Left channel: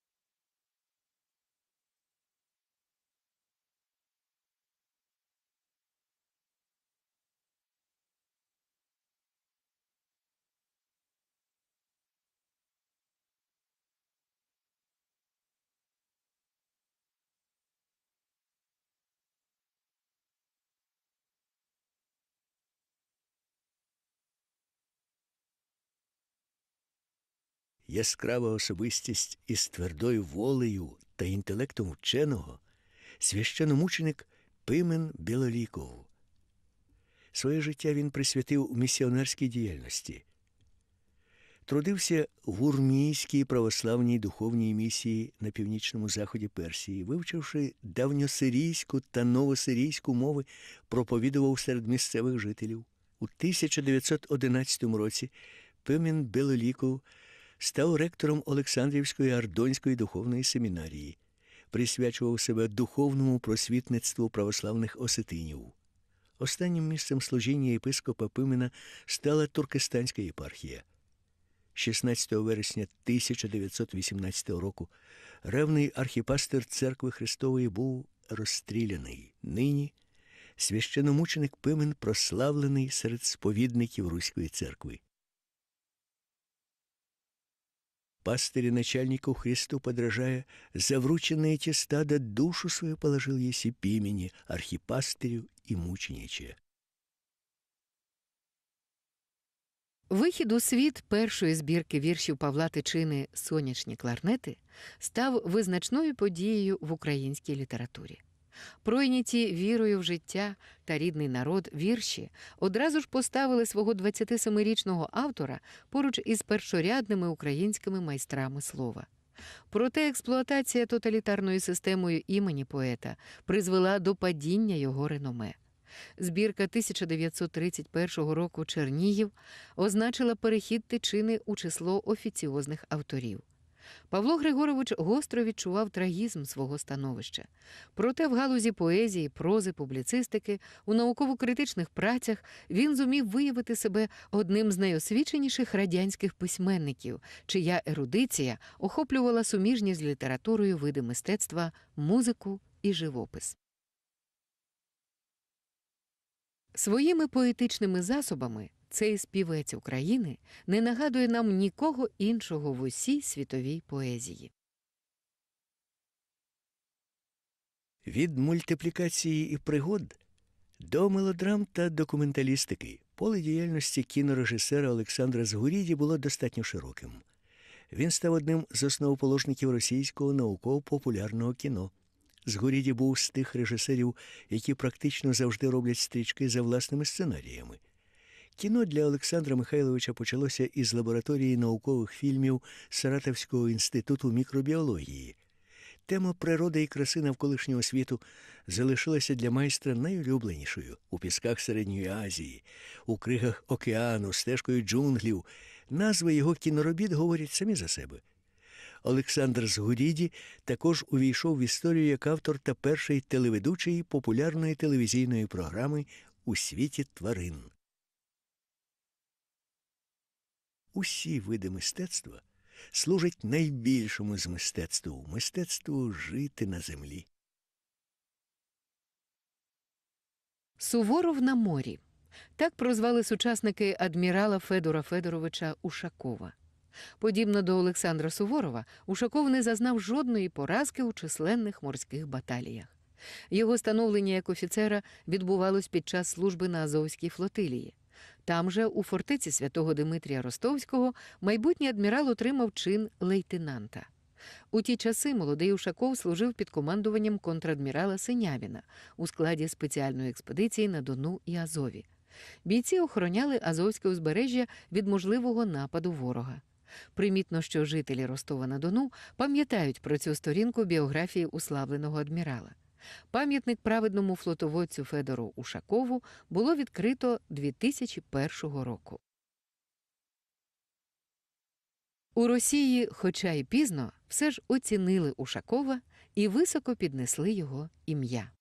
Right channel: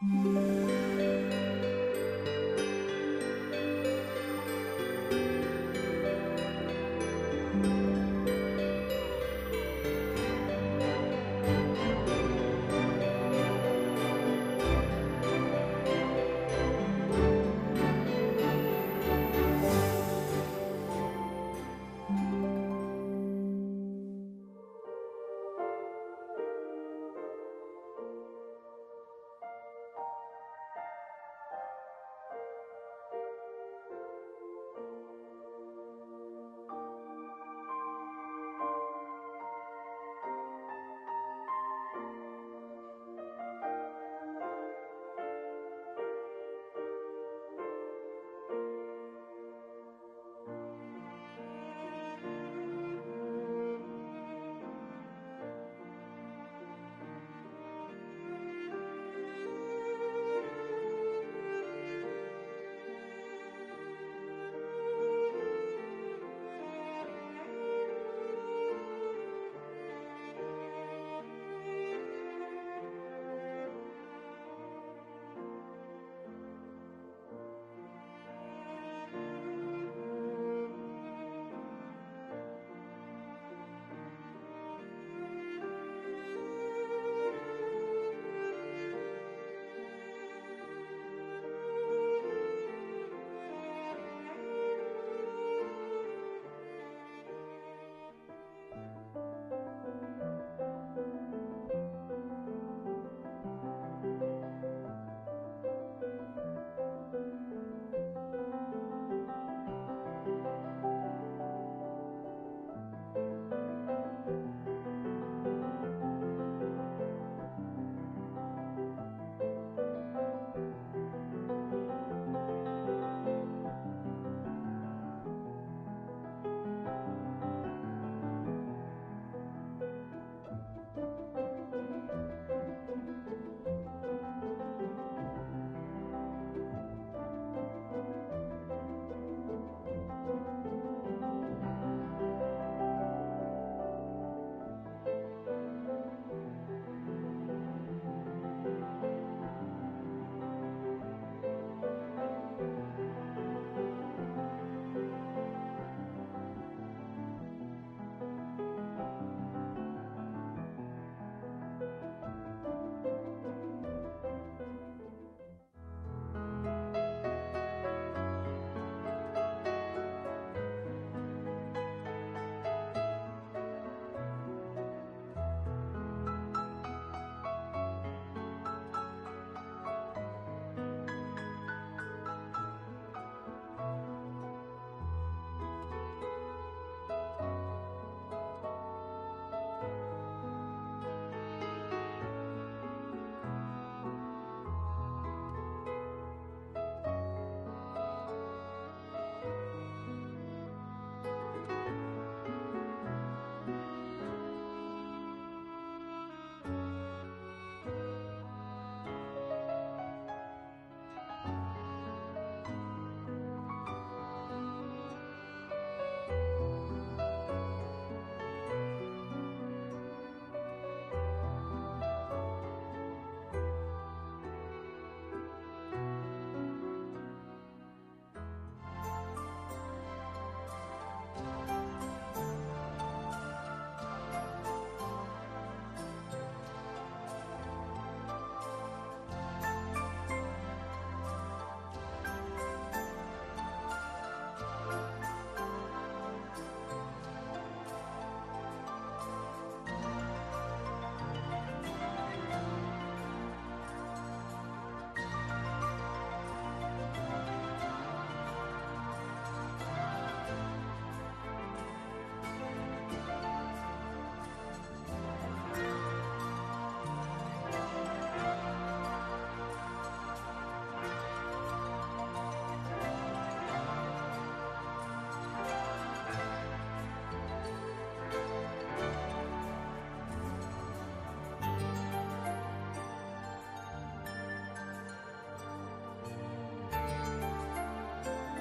Música Яскрава особистість із твердою волею та інтелектом вченого, священомученик Пимен Білоліков. Своє життя він присвятив місіонерській діяльності. Трудився в Урмійській православній духовній місії на північному заході Персії, вивчивши давньосирійську та новосирійську мови, проповідував серед місцевих жителів. У 1911 році Пимен Білоліков став ректором Олександрівської Ардонської духовної семінарії, присвячував себе духовному просвітництву православних осетинів. Останнім місцем служіння єпископа Пимена стала Туркестанська єпархія. 16 вересня 1918 року ревний архіпастер церкви Христової був розстріляний. Нині священомученик Пимен прославлений серед сповідників Руської церкви. Пастырь начальнику Христу подражая, за врученные те стада душу свою положил еси пимени архипастырю и мучениче. Вихід у світ першої збірки віршів Павла Тичини Сонячні кларнети став визначною подією в українській літературі. Пройняті вірою в життя та рідний народ вірші одразу ж поставили свого 27-річного автора поруч із першорядними українськими майстрами слова. Проте експлуатація тоталітарною системою імені поета призвела до падіння його реноме. Збірка 1931 року Чернігів означила перехід тичини у число офіціозних авторів. Павло Григорович гостро відчував трагізм свого становища. Проте в галузі поезії, прози, публіцистики, у науково-критичних працях він зумів виявити себе одним з найосвіченіших радянських письменників, чия ерудиція охоплювала суміжні з літературою види мистецтва, музику і живопис. Своїми поетичними засобами цей співець України не нагадує нам нікого іншого в усій світовій поезії. Від мультиплікації і пригод до мелодрам та документалістики поле діяльності кінорежисера Олександра Згуріді було достатньо широким. Він став одним з основоположників російського науково-популярного кіно. Згуріді був з тих режисерів, які практично завжди роблять стрічки за власними сценаріями. Кіно для Олександра Михайловича почалося із лабораторії наукових фільмів Саратовського інституту мікробіології. Тема природи і краси навколишнього світу залишилася для майстра найулюбленішою у пісках Середньої Азії, у кригах океану, стежкою джунглів. Назви його кіноробіт говорять самі за себе. Олександр Згуріді також увійшов в історію як автор та перший телеведучий популярної телевізійної програми у світі тварин. Усі види мистецтва служать найбільшому з мистецтву мистецтву жити на землі. Суворов на морі. Так прозвали сучасники адмірала Федора Федоровича Ушакова. Подібно до Олександра Суворова, Ушаков не зазнав жодної поразки у численних морських баталіях. Його становлення як офіцера відбувалось під час служби на Азовській флотилії. Там же, у фортеці святого Димитрія Ростовського, майбутній адмірал отримав чин лейтенанта. У ті часи молодий Ушаков служив під командуванням контрадмірала Синявіна у складі спеціальної експедиції на Дону і Азові. Бійці охороняли Азовське узбережжя від можливого нападу ворога. Примітно, що жителі Ростова на Дону пам'ятають про цю сторінку біографії уславленого адмірала. Пам'ятник праведному флотоводцю Федору Ушакову було відкрито 2001 року. У Росії, хоча й пізно, все ж оцінили Ушакова і високо піднесли його ім'я.